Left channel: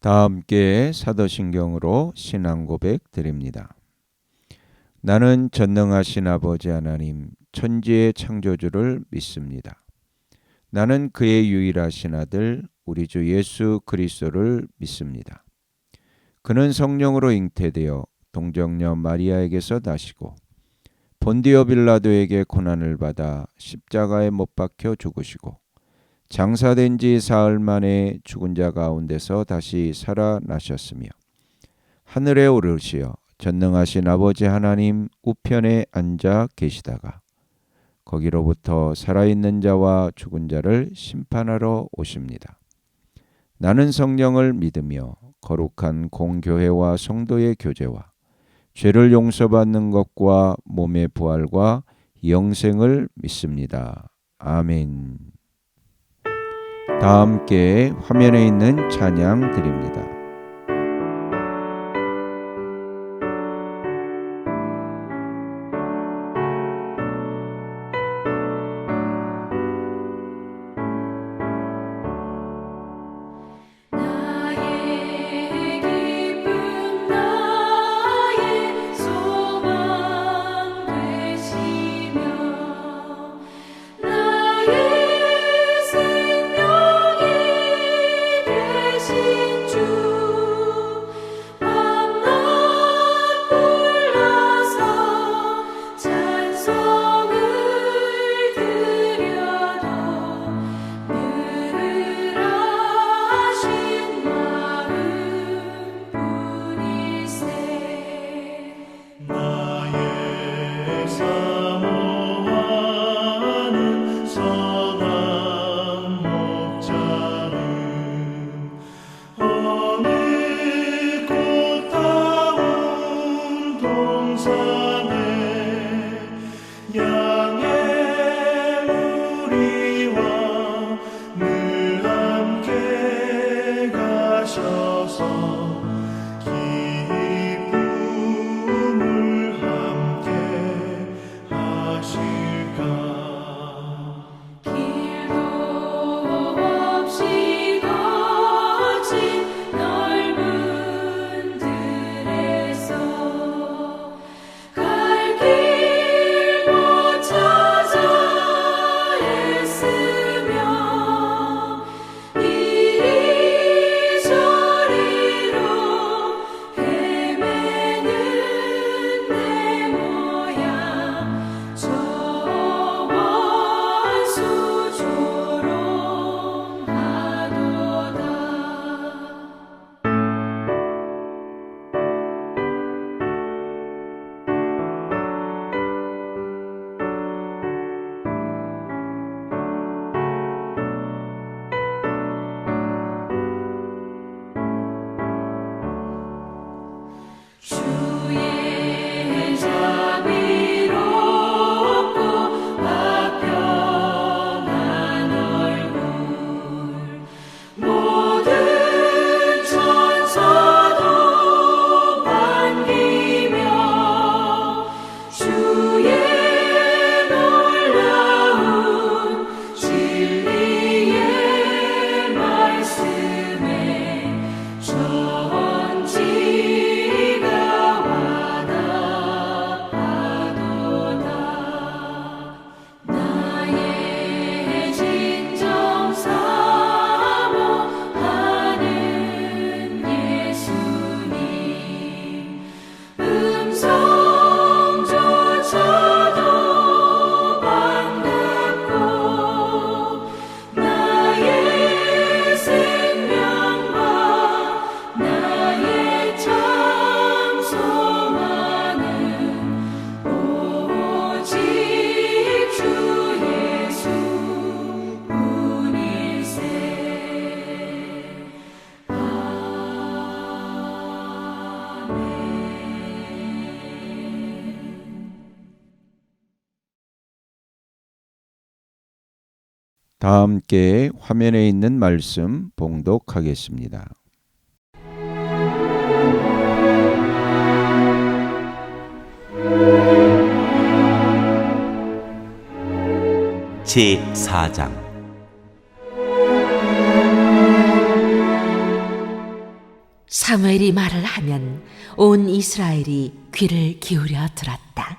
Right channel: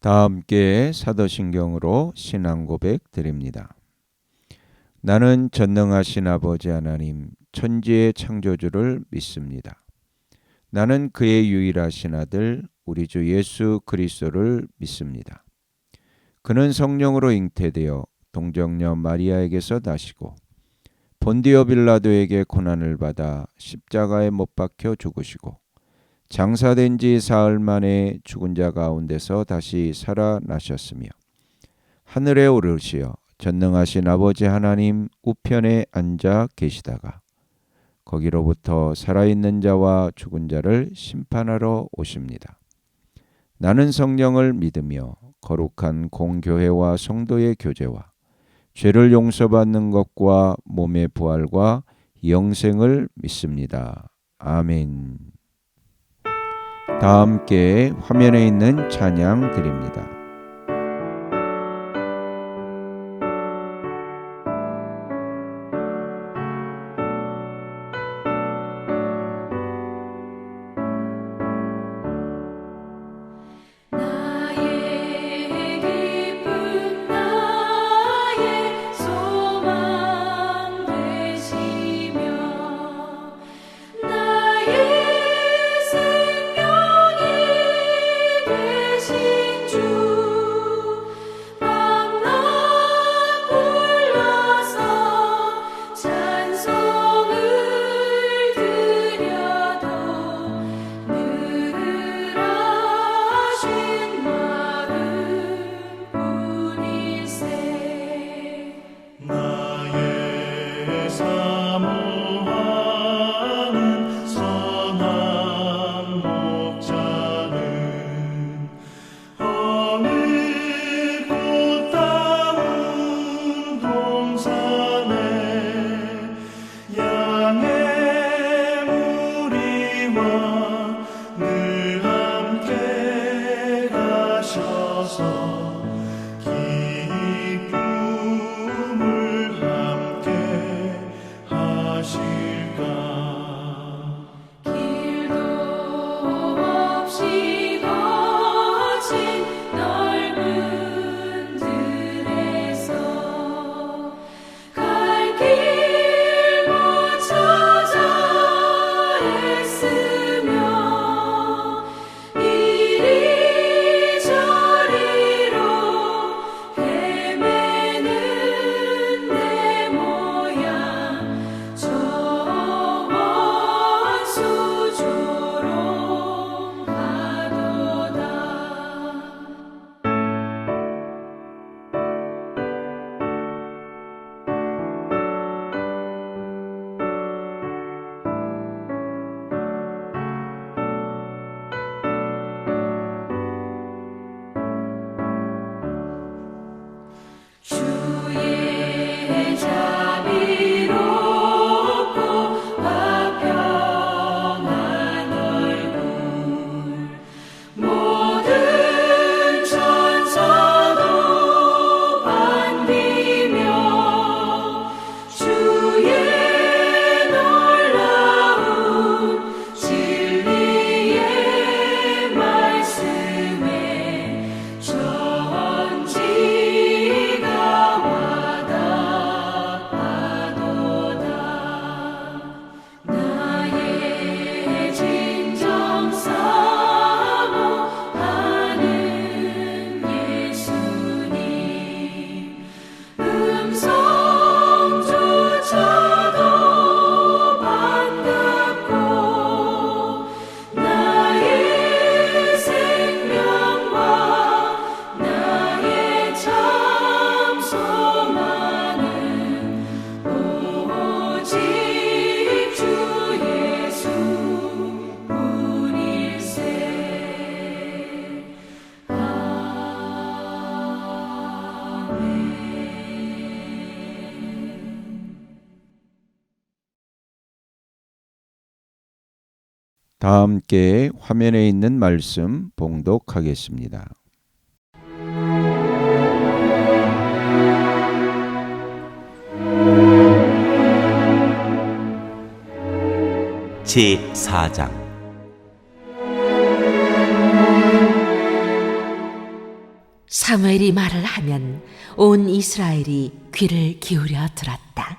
다 함께 사도신경으로 신앙 고백 드립니다. 나는 전능하신 아버지 하나님 천지의 창조주를 믿습니다. 나는 그의 유일하신 아들 우리 주 예수 그리스도를 믿습니다. 그는 성령으로 잉태되어 동정녀 마리아에게서 나시고 본디오 빌라도에게 고난을 받아 십자가에 못 박혀 죽으시고 장사된 지 사흘 만에 죽은 자 가운데서 다시 살아나셨으며 하늘에 오르시어 전능하신 아버지 하나님 우편에 앉아 계시다가 거기로부터 살아있는 자와 죽은 자를 심판하러 오십니다. 나는 성령을 믿으며 거룩한 공교회와 성도의 교제와 죄를 용서받는 것과 몸의 부활과 영생을 믿습니다. 아멘. 다 함께 화면에 있는 찬양 드립니다. 다 함께 화면에 있는 말씀 봉독하겠습니다. 제4장 사무엘이 말을 하면 온 이스라엘이 귀를 기울여 들었다.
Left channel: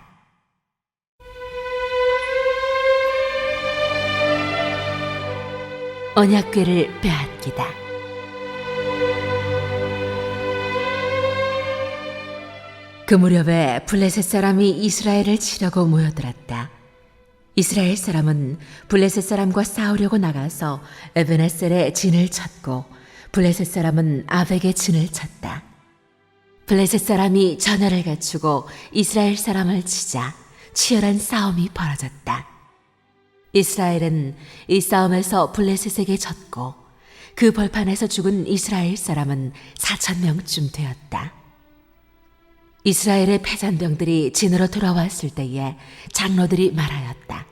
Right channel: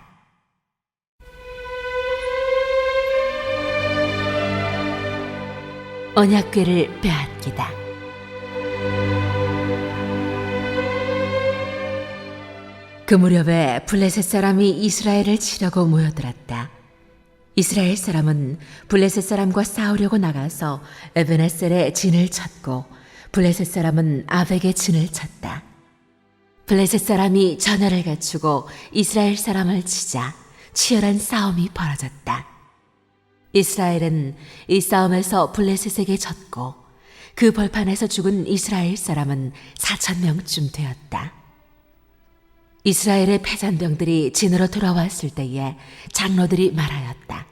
언약궤를 빼앗기다. 그 무렵에 블레셋 사람이 이스라엘을 치려고 모여들었다. 이스라엘 사람은 블레셋 사람과 싸우려고 나가서 에베네셀에 진을 쳤고 블레셋 사람은 아벡에 진을 쳤다. 블레셋 사람이 전열을 갖추고 이스라엘 사람을 치자 치열한 싸움이 벌어졌다. 이스라엘은 이 싸움에서 블레셋에게 졌고 그 벌판에서 죽은 이스라엘 사람은 4,000명쯤 되었다. 이스라엘의 패잔병들이 진으로 돌아왔을 때에 장로들이 말하였다.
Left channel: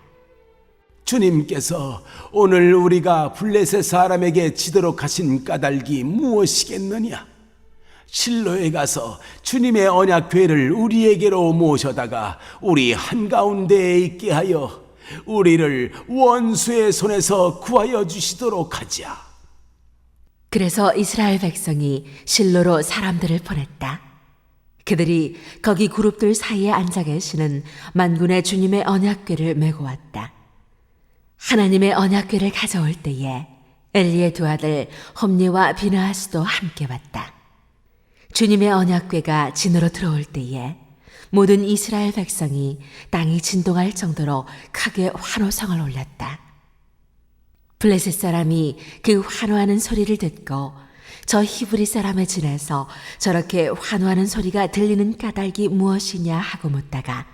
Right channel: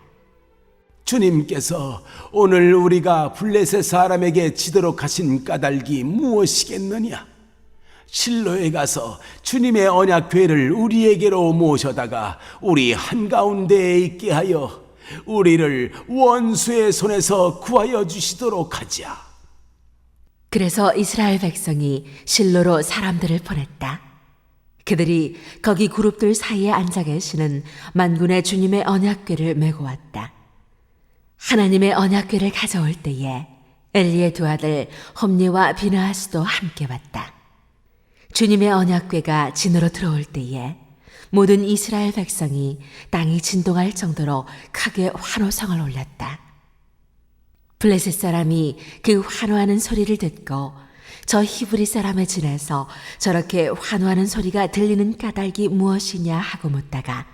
주님께서 오늘 우리가 블레셋 사람에게 지도록 하신 까닭이 무엇이겠느냐? 실로에 가서 주님의 언약궤를 우리에게로 모셔다가 우리 한가운데에 있게 하여 우리를 원수의 손에서 구하여 주시도록 하자. 그래서 이스라엘 백성이 실로로 사람들을 보냈다. 그들이 거기 그룹들 사이에 앉아 계시는 만군의 주님의 언약궤를 메고 왔다. 하나님의 언약궤를 가져올 때에 엘리의 두 아들 홈니와 비느하스도 함께 왔다. 주님의 언약궤가 진으로 들어올 때에 모든 이스라엘 백성이 땅이 진동할 정도로 크게 환호성을 올렸다. 블레셋 사람이 그 환호하는 소리를 듣고 저 히브리 사람의 진에서 저렇게 환호하는 소리가 들리는 까닭이 무엇이냐 하고 묻다가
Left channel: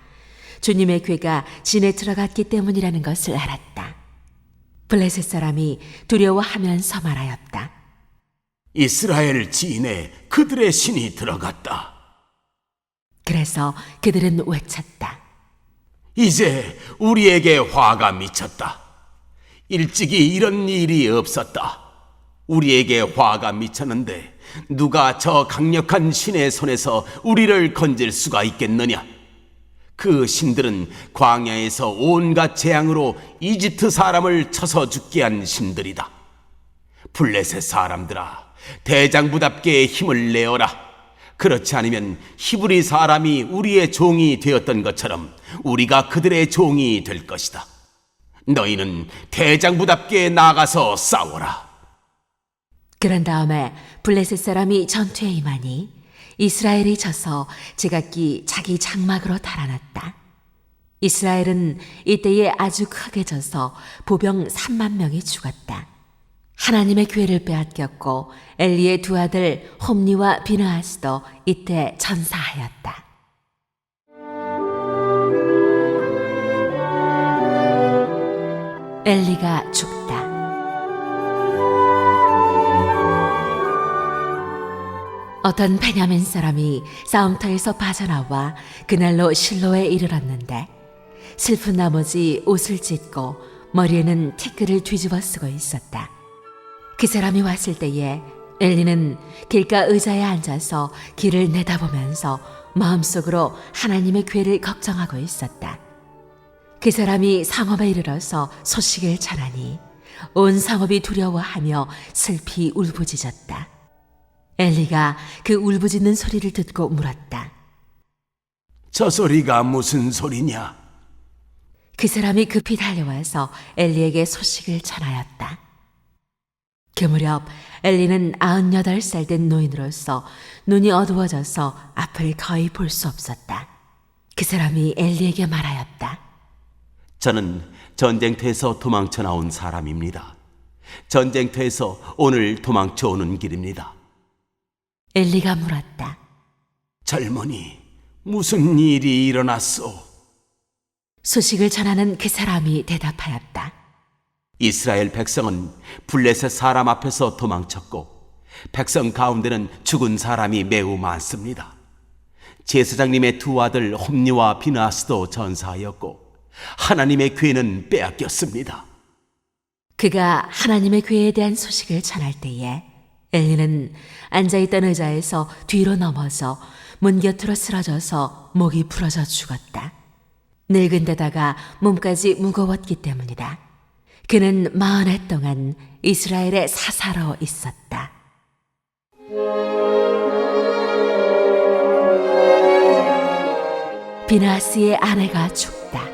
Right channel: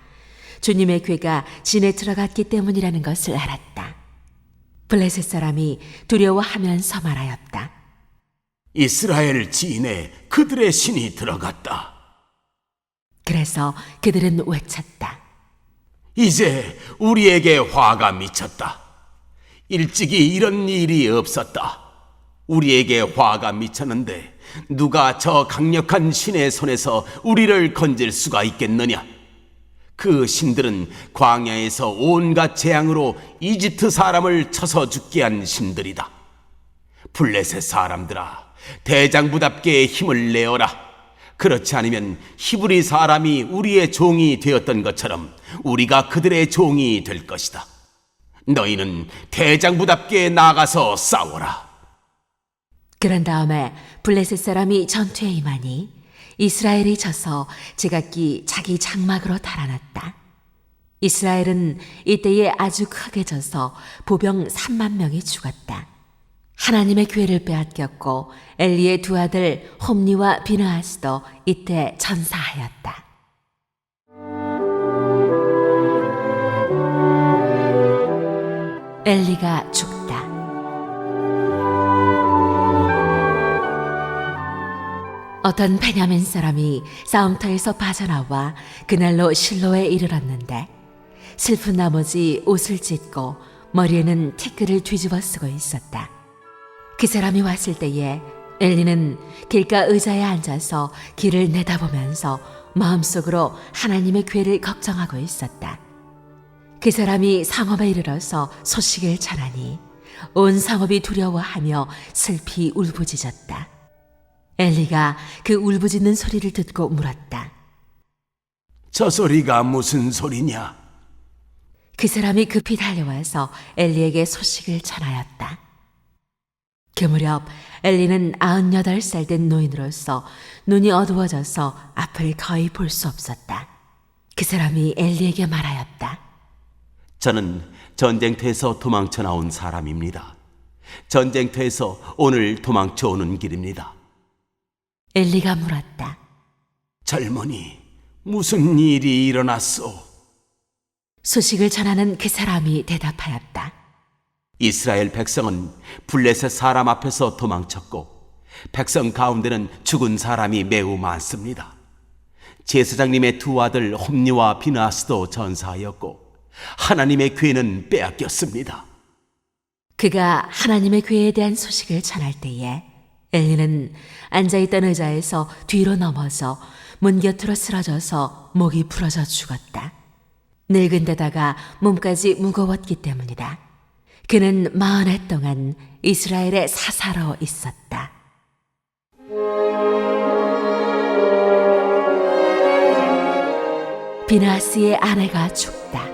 주님의 궤가 진에 들어갔기 때문이라는 것을 알았다. 블레셋 사람이 두려워하면서 말하였다. 이스라엘 진에 그들의 신이 들어갔다. 그래서 그들은 외쳤다. 이제 우리에게 화가 미쳤다. 일찍이 이런 일이 없었다. 우리에게 화가 미쳤는데 누가 저 강력한 신의 손에서 우리를 건질 수가 있겠느냐? 그 신들은 광야에서 온갖 재앙으로 이집트 사람을 쳐서 죽게 한 신들이다. 블레셋 사람들아, 대장부답게 힘을 내어라. 그렇지 않으면 히브리 사람이 우리의 종이 되었던 것처럼 우리가 그들의 종이 될 것이다. 너희는 대장부답게 나가서 싸워라. 그런 다음에 블레셋 사람이 전투에 임하니 이스라엘이 져서 제각기 자기 장막으로 달아났다. 이스라엘은 이때에 아주 크게 져서 보병 3만 명이 죽었다. 하나님의 궤를 빼앗겼고 엘리의 두 아들 홈니와 비느하스도 이때 전사하였다. 엘리가 죽다. 어떤 베냐민 사람이 싸움터에서 빠져나와 그날로 실로에 이르렀는데 슬픈 나머지 옷을 찢고 머리에는 티끌을 뒤집어 쓰고 있었다. 그 사람이 왔을 때에 엘리는 길가 의자에 앉아서 길을 내다보면서 마음속으로 하나님의 궤를 걱정하고 있었다. 그 사람이 성읍에 이르러서 소식을 전하니 온 성읍이 두려워하며 슬피 울부짖었다. 엘리가 그 울부짖는 소리를 듣고 물었다. 저 소리가 무슨 소리냐? 그 사람이 급히 달려와서 엘리에게 소식을 전하였다. 그 무렵 엘리는 98살 된 노인으로서 눈이 어두워져서 앞을 거의 볼 수 없었다. 그 사람이 엘리에게 말하였다. 저는 전쟁터에서 도망쳐 나온 사람입니다. 전쟁터에서 오늘 도망쳐 오는 길입니다. 엘리가 물었다. 젊은이, 무슨 일이 일어났소? 소식을 전하는 그 사람이 대답하였다. 이스라엘 백성은 블레셋 사람 앞에서 도망쳤고 백성 가운데는 죽은 사람이 매우 많습니다. 제사장님의 두 아들 홈니와 비느하스도 전사하였고 하나님의 궤는 빼앗겼습니다. 그가 하나님의 궤에 대한 소식을 전할 때에 엘리는 앉아있던 의자에서 뒤로 넘어져 문 곁으로 쓰러져서 목이 부러져 죽었다. 늙은 데다가 몸까지 무거웠기 때문이다. 그는 40해 동안 이스라엘의 사사로 있었다. 비나스의 아내가 죽다.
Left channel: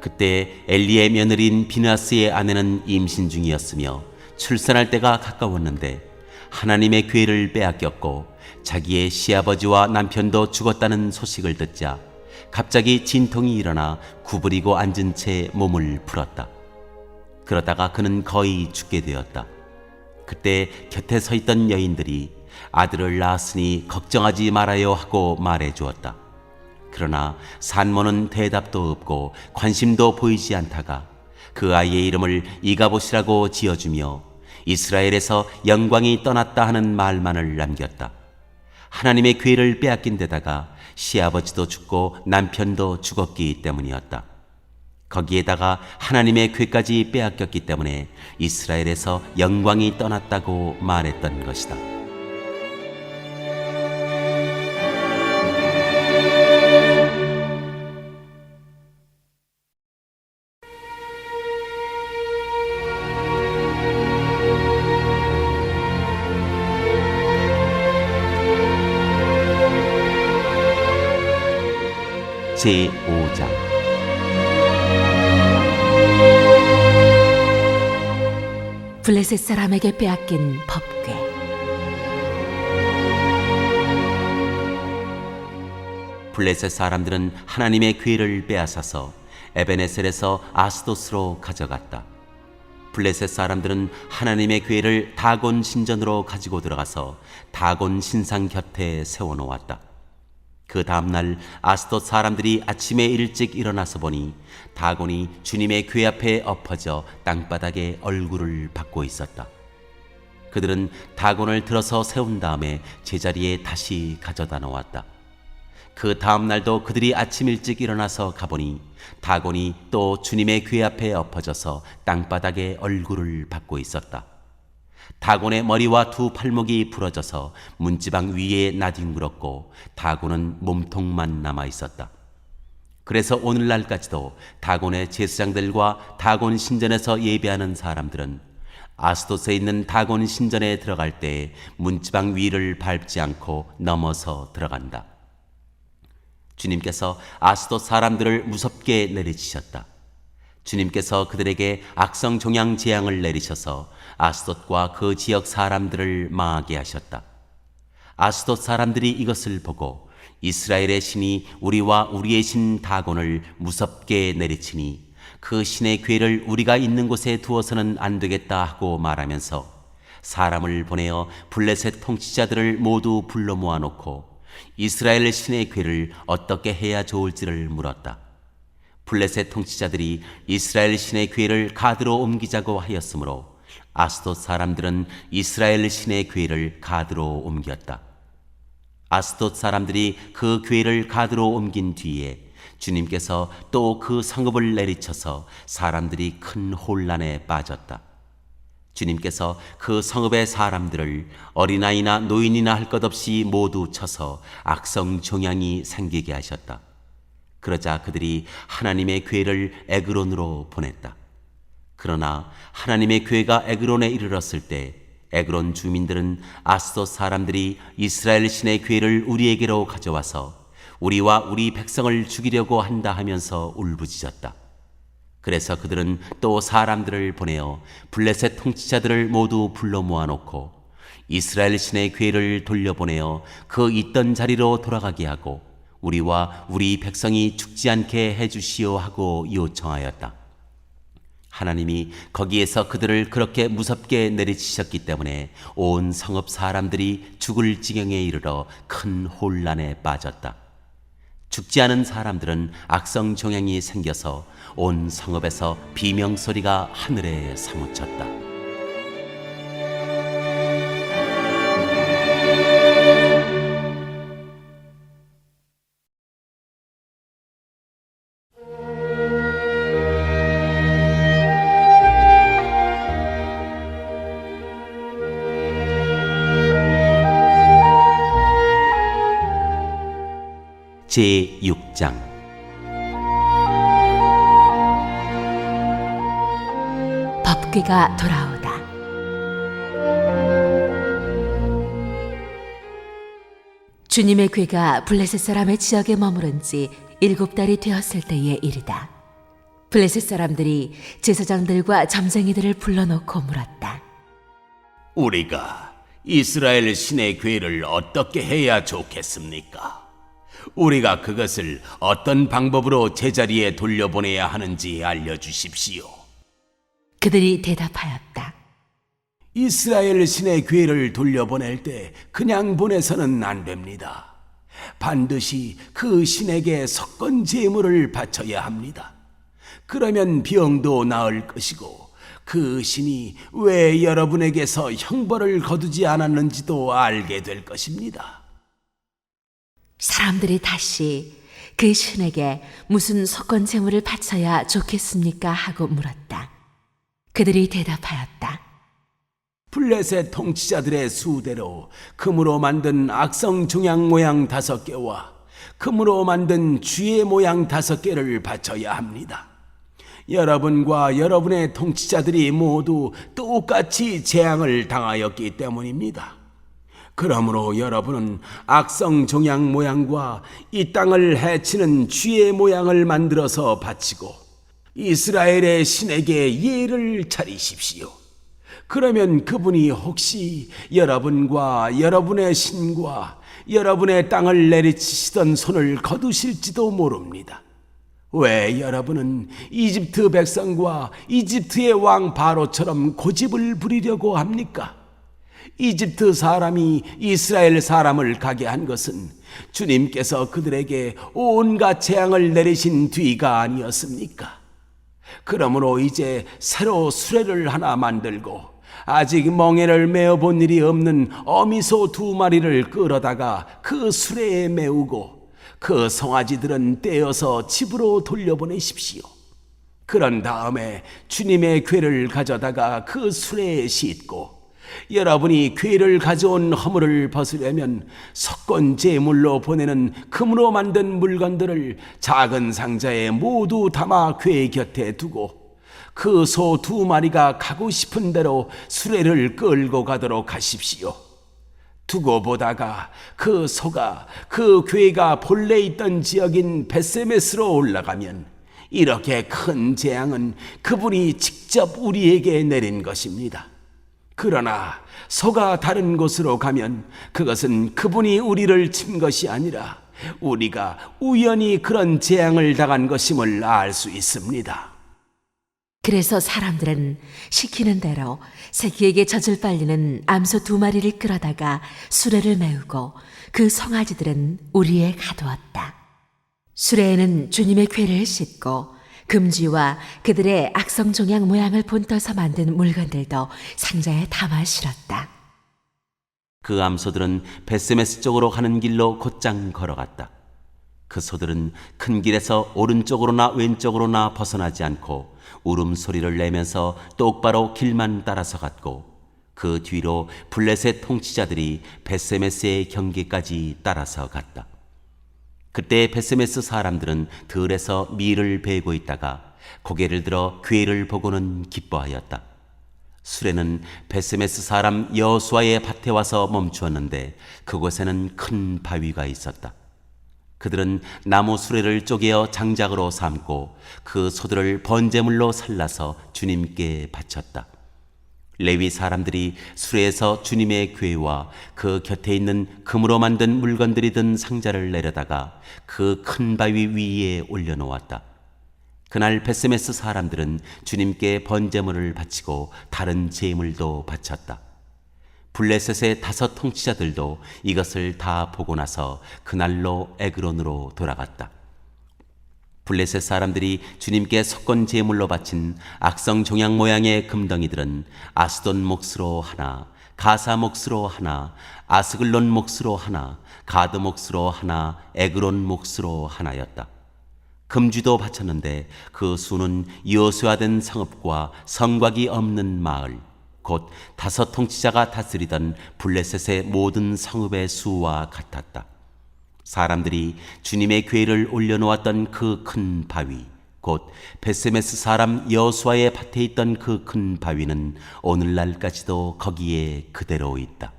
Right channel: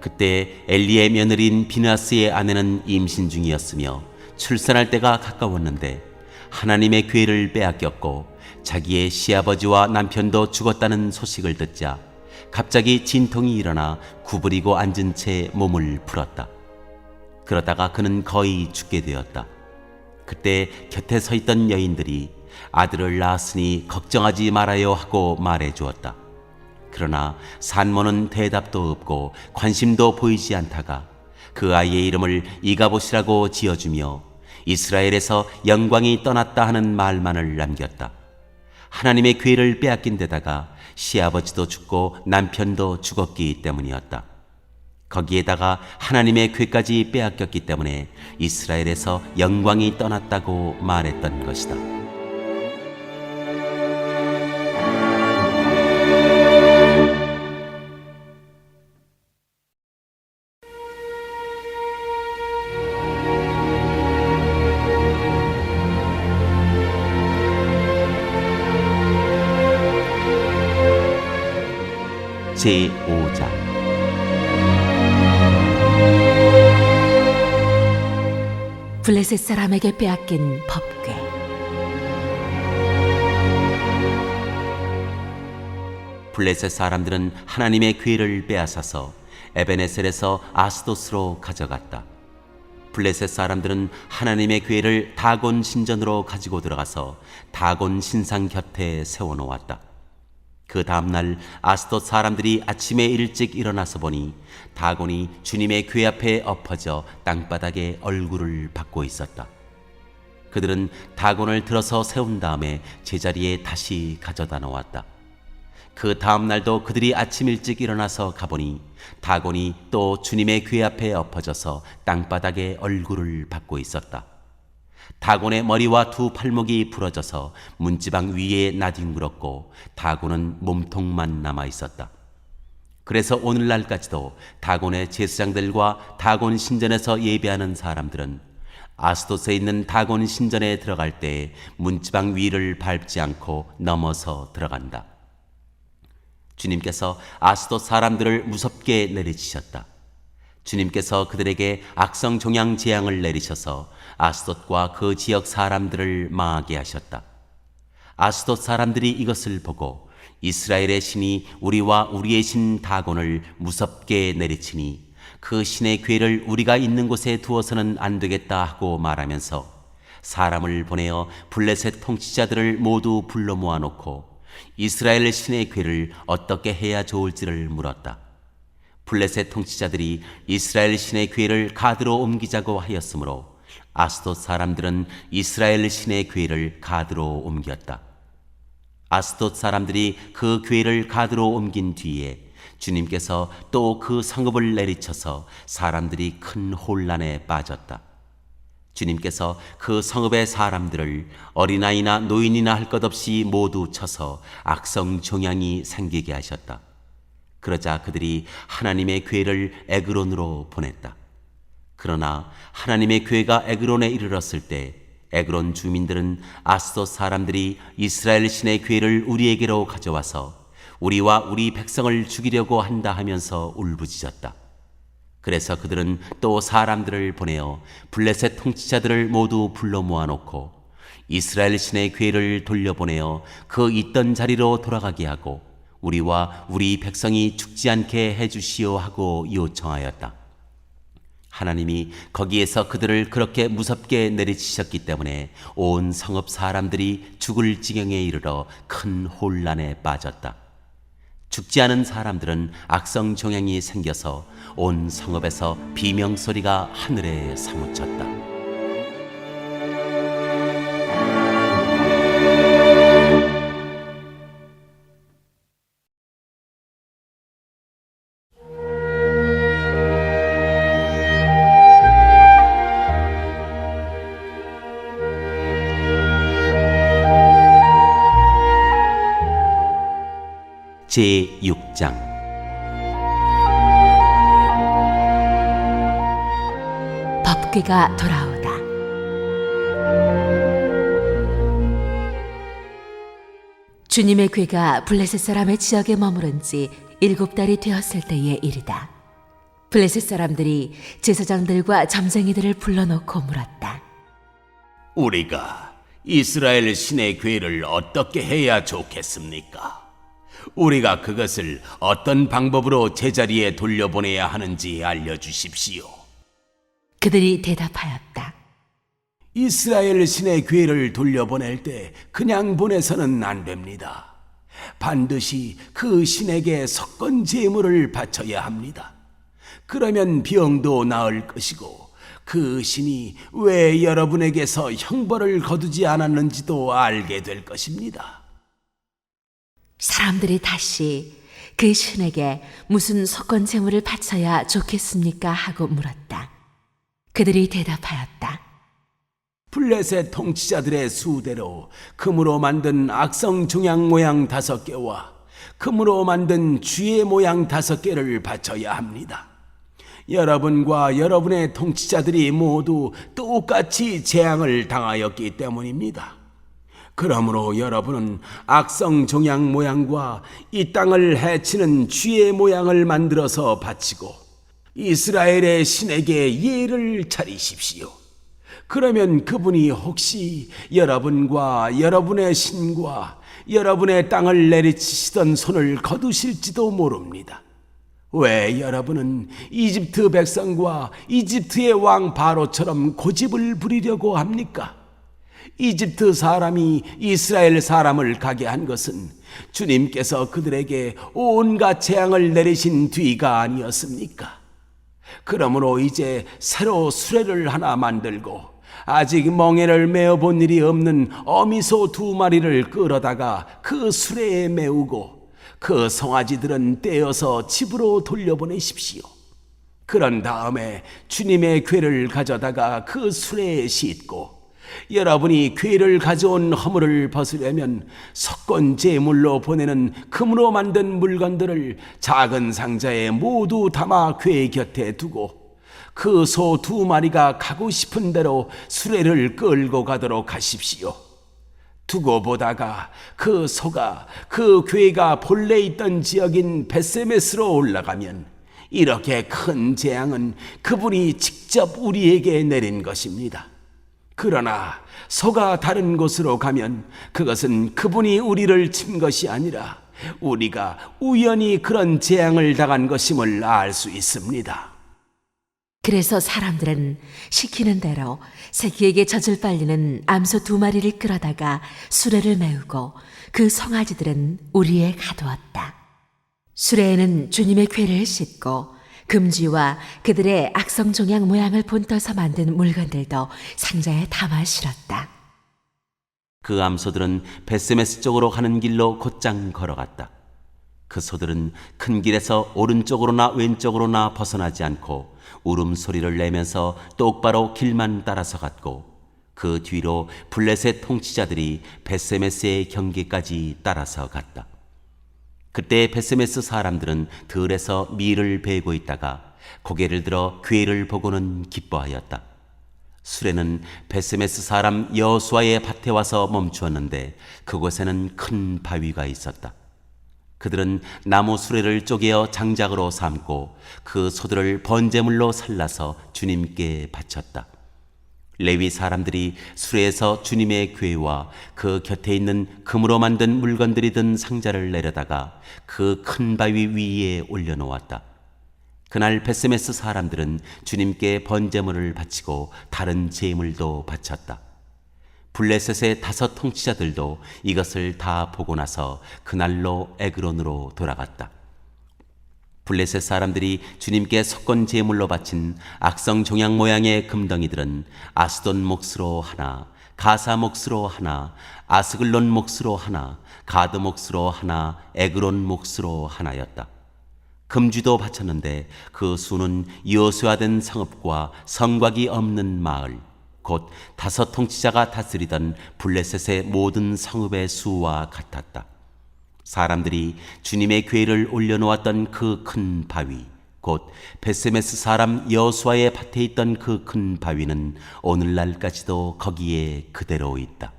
그때 엘리의 며느리인 비나스의 아내는 임신 중이었으며 출산할 때가 가까웠는데 하나님의 기회를 빼앗겼고 자기의 시아버지와 남편도 죽었다는 소식을 듣자 갑자기 진통이 일어나 구부리고 앉은 채 몸을 풀었다. 그러다가 그는 거의 죽게 되었다. 그때 곁에 서 있던 여인들이 아들을 낳았으니 걱정하지 말아요 하고 말해 주었다. 그러나 산모는 대답도 없고 관심도 보이지 않다가 그 아이의 이름을 이가봇이라고 지어주며 이스라엘에서 영광이 떠났다 하는 말만을 남겼다. 하나님의 기회를 빼앗긴 데다가 시아버지도 죽고 남편도 죽었기 때문이었다. 거기에다가 하나님의 기회까지 빼앗겼기 때문에 이스라엘에서 영광이 떠났다고 말했던 것이다. 제5장 블레셋 사람에게 빼앗긴 법궤. 블레셋 사람들은 하나님의 기회를 빼앗아서 에베네셀에서 아스도스로 가져갔다. 블레셋 사람들은 하나님의 기회를 다곤 신전으로 가지고 들어가서 다곤 신상 곁에 세워놓았다. 그 다음날 아스돗 사람들이 아침에 일찍 일어나서 보니 다곤이 주님의 궤 앞에 엎어져 땅바닥에 얼굴을 받고 있었다. 그들은 다곤을 들어서 세운 다음에 제자리에 다시 가져다 놓았다. 그 다음날도 그들이 아침 일찍 일어나서 가보니 다곤이 또 주님의 궤 앞에 엎어져서 땅바닥에 얼굴을 받고 있었다. 다곤의 머리와 두 팔목이 부러져서 문지방 위에 나뒹굴었고 다곤은 몸통만 남아 있었다. 그래서 오늘날까지도 다곤의 제사장들과 다곤 신전에서 예배하는 사람들은 아스돗에 있는 다곤 신전에 들어갈 때 문지방 위를 밟지 않고 넘어서 들어간다. 주님께서 아스돗 사람들을 무섭게 내리치셨다. 주님께서 그들에게 악성 종양 재앙을 내리셔서 아스돗과 그 지역 사람들을 망하게 하셨다. 아스돗 사람들이 이것을 보고 이스라엘의 신이 우리와 우리의 신 다곤을 무섭게 내리치니 그 신의 궤를 우리가 있는 곳에 두어서는 안 되겠다 하고 말하면서 사람을 보내어 블레셋 통치자들을 모두 불러 모아놓고 이스라엘 신의 궤를 어떻게 해야 좋을지를 물었다. 블레셋 통치자들이 이스라엘 신의 궤를 가드로 옮기자고 하였으므로 아스돗 사람들은 이스라엘 신의 궤를 가드로 옮겼다. 아스돗 사람들이 그 궤를 가드로 옮긴 뒤에 주님께서 또 그 성읍을 내리쳐서 사람들이 큰 혼란에 빠졌다. 주님께서 그 성읍의 사람들을 어린아이나 노인이나 할 것 없이 모두 쳐서 악성 종양이 생기게 하셨다. 그러자 그들이 하나님의 궤를 에그론으로 보냈다. 그러나 하나님의 궤가 에그론에 이르렀을 때 에그론 주민들은 아스돗 사람들이 이스라엘 신의 궤를 우리에게로 가져와서 우리와 우리 백성을 죽이려고 한다 하면서 울부짖었다. 그래서 그들은 또 사람들을 보내어 블레셋 통치자들을 모두 불러 모아놓고 이스라엘 신의 궤를 돌려보내어 그 있던 자리로 돌아가게 하고 우리와 우리 백성이 죽지 않게 해주시오 하고 요청하였다. 하나님이 거기에서 그들을 그렇게 무섭게 내리치셨기 때문에 온 성읍 사람들이 죽을 지경에 이르러 큰 혼란에 빠졌다. 죽지 않은 사람들은 악성 종양이 생겨서 온 성읍에서 비명소리가 하늘에 사무쳤다. 제6장 법궤가 돌아오다. 주님의 궤가 블레셋 사람의 지역에 머무른 지 7달이 되었을 때의 일이다. 블레셋 사람들이 제사장들과 점쟁이들을 불러놓고 물었다. 우리가 이스라엘 신의 궤를 어떻게 해야 좋겠습니까? 우리가 그것을 어떤 방법으로 제자리에 돌려보내야 하는지 알려주십시오. 그들이 대답하였다. 이스라엘 신의 궤를 돌려보낼 때 그냥 보내서는 안 됩니다. 반드시 그 신에게 석건 제물을 바쳐야 합니다. 그러면 병도 나을 것이고 그 신이 왜 여러분에게서 형벌을 거두지 않았는지도 알게 될 것입니다. 사람들이 다시 그 신에게 무슨 석건 제물을 바쳐야 좋겠습니까? 하고 물었다. 그들이 대답하였다. 블레셋 통치자들의 수대로 금으로 만든 악성 종양 모양 5개와 금으로 만든 쥐의 모양 5개를 바쳐야 합니다. 여러분과 여러분의 통치자들이 모두 똑같이 재앙을 당하였기 때문입니다. 그러므로 여러분은 악성 종양 모양과 이 땅을 해치는 쥐의 모양을 만들어서 바치고 이스라엘의 신에게 예를 차리십시오. 그러면 그분이 혹시 여러분과 여러분의 신과 여러분의 땅을 내리치시던 손을 거두실지도 모릅니다. 왜 여러분은 이집트 백성과 이집트의 왕 바로처럼 고집을 부리려고 합니까? 이집트 사람이 이스라엘 사람을 가게 한 것은 주님께서 그들에게 온갖 재앙을 내리신 뒤가 아니었습니까? 그러므로 이제 새로 수레를 하나 만들고 아직 멍에를 메어본 일이 없는 어미소 2마리를 끌어다가 그 수레에 메우고 그 송아지들은 떼어서 집으로 돌려보내십시오. 그런 다음에 주님의 궤를 가져다가 그 수레에 싣고 여러분이 궤를 가져온 허물을 벗으려면 석건 제물로 보내는 금으로 만든 물건들을 작은 상자에 모두 담아 궤 곁에 두고 그 소 2마리가 가고 싶은 대로 수레를 끌고 가도록 하십시오. 두고 보다가 그 소가 그 궤가 본래 있던 지역인 벳세메스로 올라가면 이렇게 큰 재앙은 그분이 직접 우리에게 내린 것입니다. 그러나 소가 다른 곳으로 가면 그것은 그분이 우리를 친 것이 아니라 우리가 우연히 그런 재앙을 당한 것임을 알 수 있습니다. 그래서 사람들은 시키는 대로 새끼에게 젖을 빨리는 암소 2마리를 끌어다가 수레를 메우고 그 송아지들은 우리에 가두었다. 수레에는 주님의 궤를 싣고 금쥐와 그들의 악성 종양 모양을 본떠서 만든 물건들도 상자에 담아 실었다. 그 암소들은 벳세메스 쪽으로 가는 길로 곧장 걸어갔다. 그 소들은 큰 길에서 오른쪽으로나 왼쪽으로나 벗어나지 않고 울음소리를 내면서 똑바로 길만 따라서 갔고 그 뒤로 블레셋 통치자들이 벳세메스의 경계까지 따라서 갔다. 그때 벳세메스 사람들은 들에서 밀을 베고 있다가 고개를 들어 궤를 보고는 기뻐하였다. 수레는 벳세메스 사람 여호수아의 밭에 와서 멈추었는데 그곳에는 큰 바위가 있었다. 그들은 나무 수레를 쪼개어 장작으로 삼고 그 소들을 번제물로 살라서 주님께 바쳤다. 레위 사람들이 수레에서 주님의 궤와 그 곁에 있는 금으로 만든 물건들이 든 상자를 내려다가 그 큰 바위 위에 올려놓았다. 그날 벳세메스 사람들은 주님께 번제물을 바치고 다른 제물도 바쳤다. 블레셋의 5 통치자들도 이것을 다 보고 나서 그날로 에그론으로 돌아갔다. 블레셋 사람들이 주님께 석건 제물로 바친 악성 종양 모양의 금덩이들은 아스돈 몫으로 하나, 가사 몫으로 하나, 아스글론 몫으로 하나, 가드 몫으로 하나, 에그론 몫으로 하나였다. 금쥐도 바쳤는데 그 수는 여호수아된 성읍과 성곽이 없는 마을, 곧 5 통치자가 다스리던 블레셋의 모든 성읍의 수와 같았다. 사람들이 주님의 궤를 올려놓았던 그 큰 바위, 곧 벳세메스 사람 여호수아의 밭에 있던 그 큰 바위는 오늘날까지도 거기에 그대로 있다.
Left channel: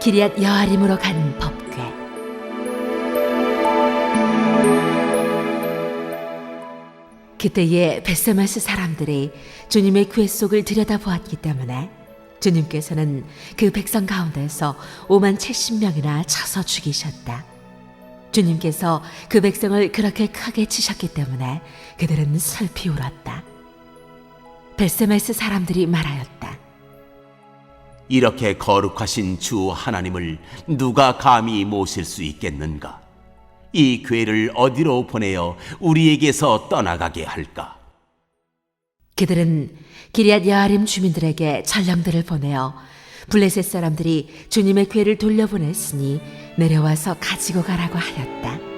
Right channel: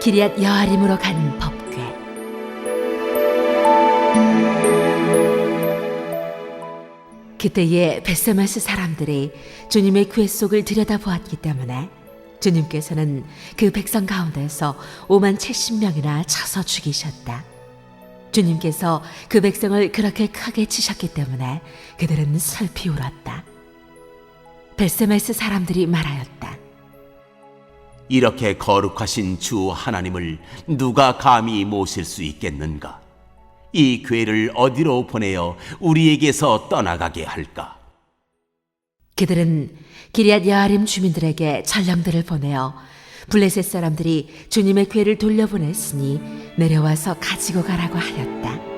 기럇 여아림으로 가는 법궤. 그때에 벳세메스 사람들이 주님의 궤 속을 들여다보았기 때문에 주님께서는 그 백성 가운데서 5만 70명이나 쳐서 죽이셨다. 주님께서 그 백성을 그렇게 크게 치셨기 때문에 그들은 슬피 울었다. 벳세메스 사람들이 말하였다. 이렇게 거룩하신 주 하나님을 누가 감히 모실 수 있겠는가? 이 궤를 어디로 보내어 우리에게서 떠나가게 할까? 그들은 기럇 여아림 주민들에게 전령들을 보내어 블레셋 사람들이 주님의 궤를 돌려보냈으니 내려와서 가지고 가라고 하였다.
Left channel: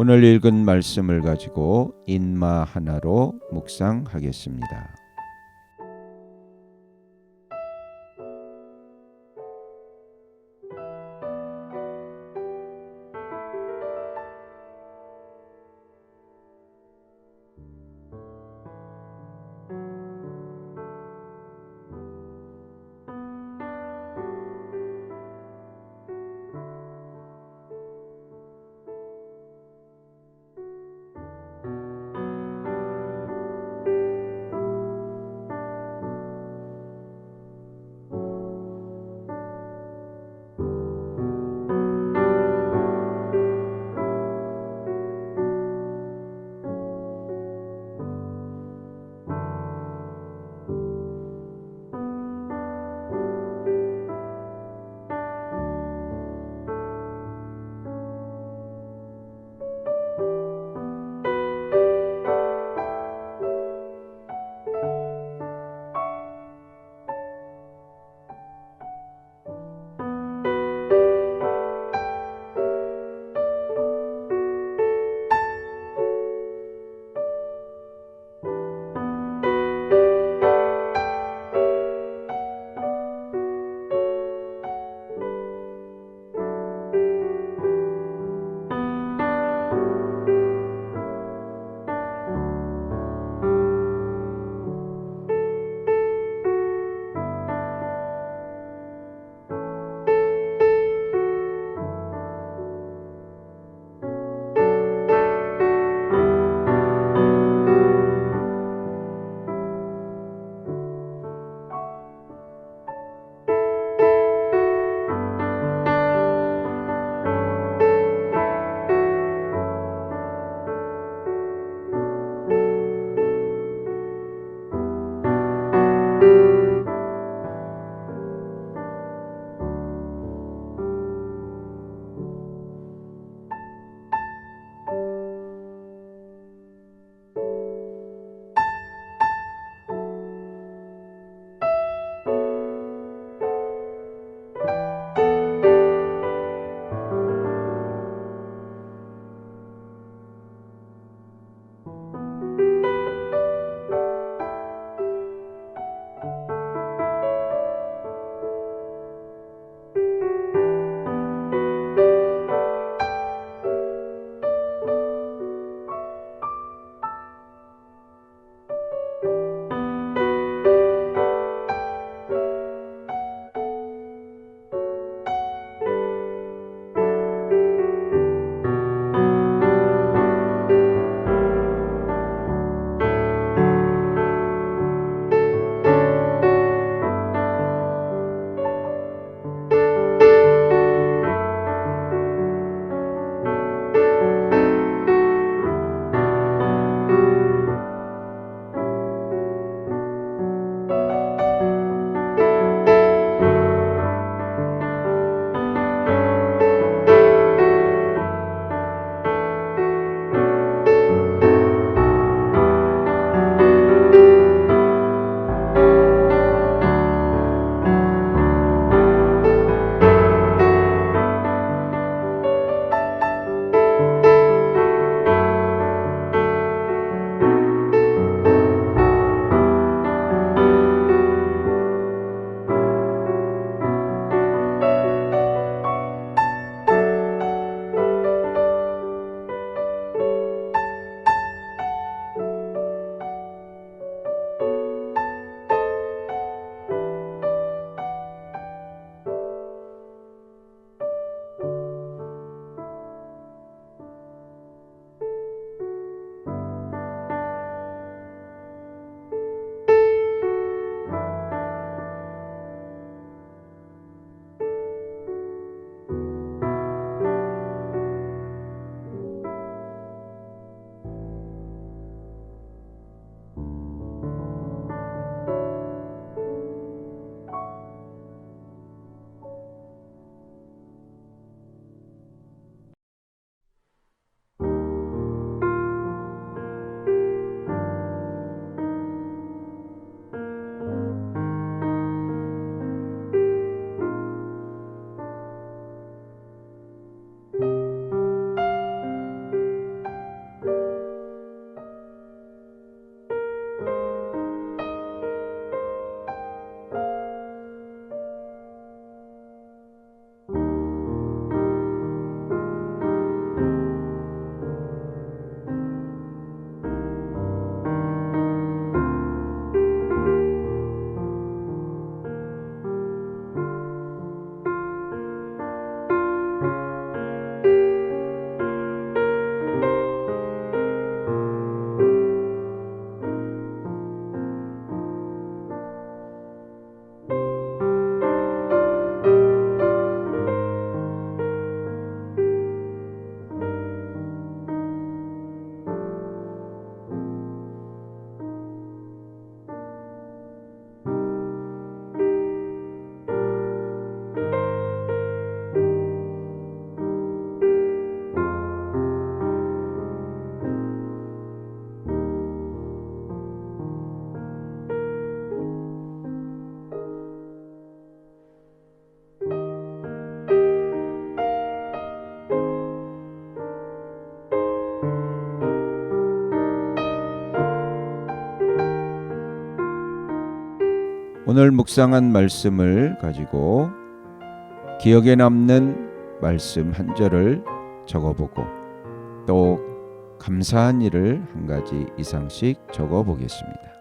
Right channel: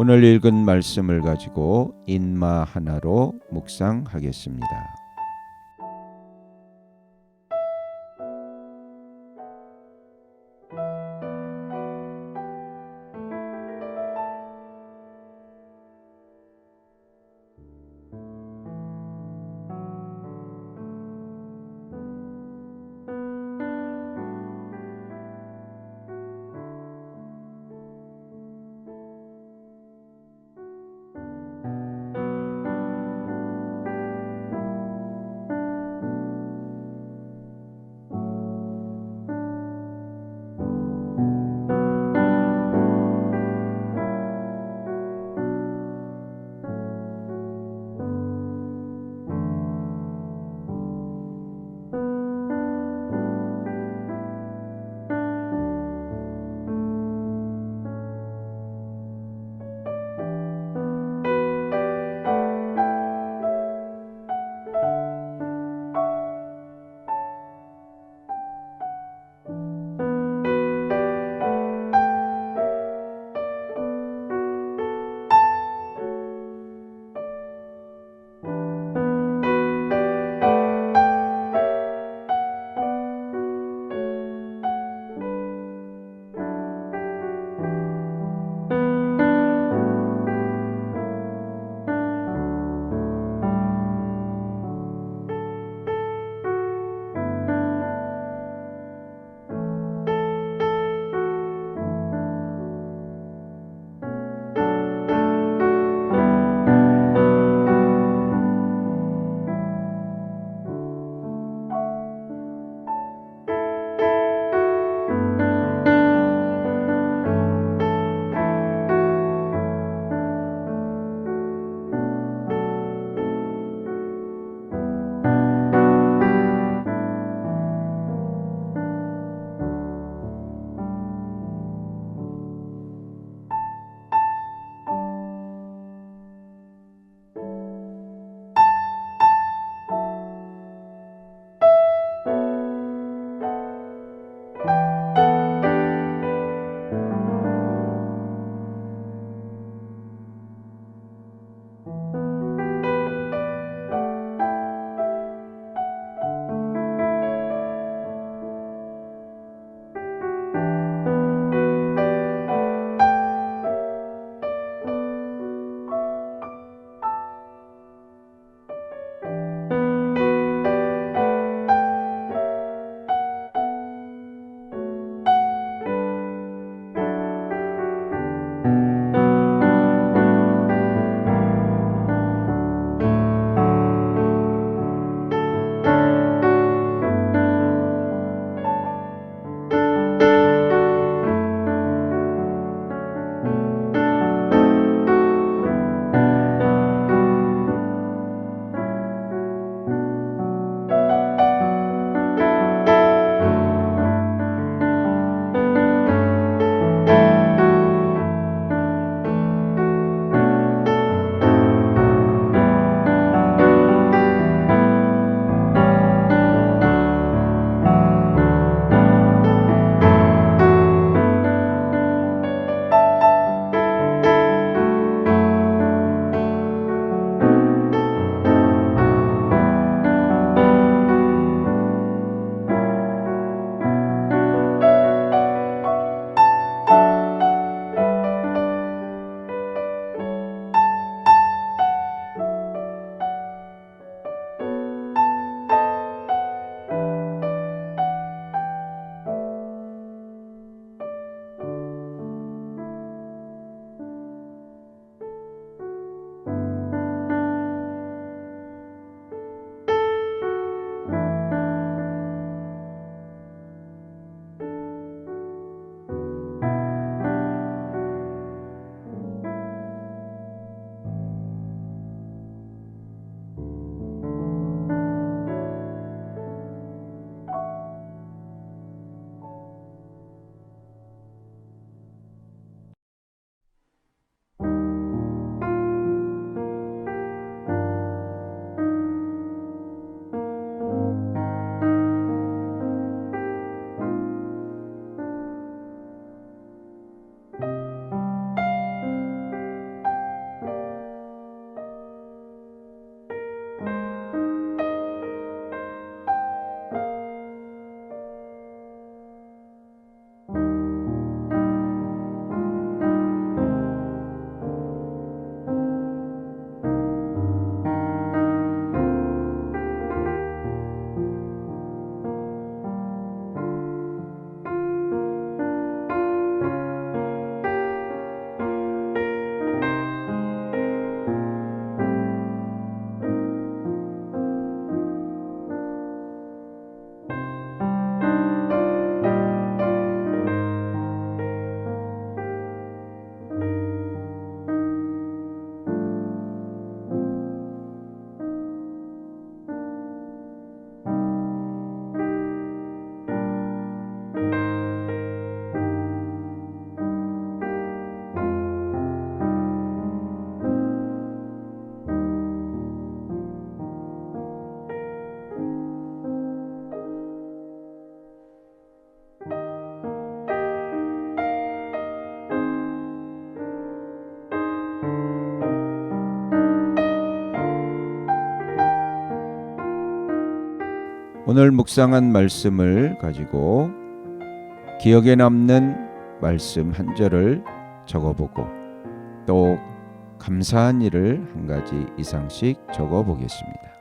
오늘 읽은 말씀을 가지고 인마 하나로 묵상하겠습니다. 오늘 묵상한 말씀을 가지고 기억에 남는 말씀 한 절을 적어보고 또 감사한 일을 한 가지 이상씩 적어보겠습니다.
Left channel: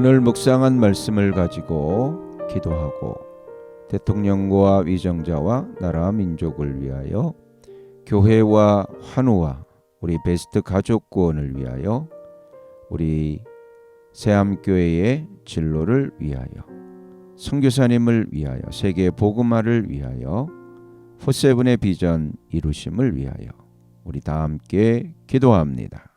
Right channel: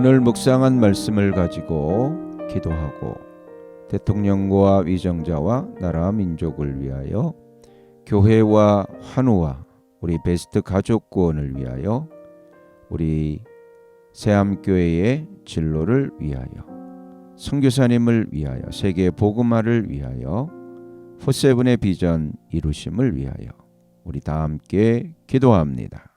오늘 묵상한 말씀을 가지고 기도하고 대통령과 위정자와 나라 민족을 위하여 교회와 환우와 우리 베스트 가족 구원을 위하여 우리 새암교회의 진로를 위하여 선교사님을 위하여 세계 복음화를 위하여 포세븐의 비전 이루심을 위하여 우리 다 함께 기도합니다.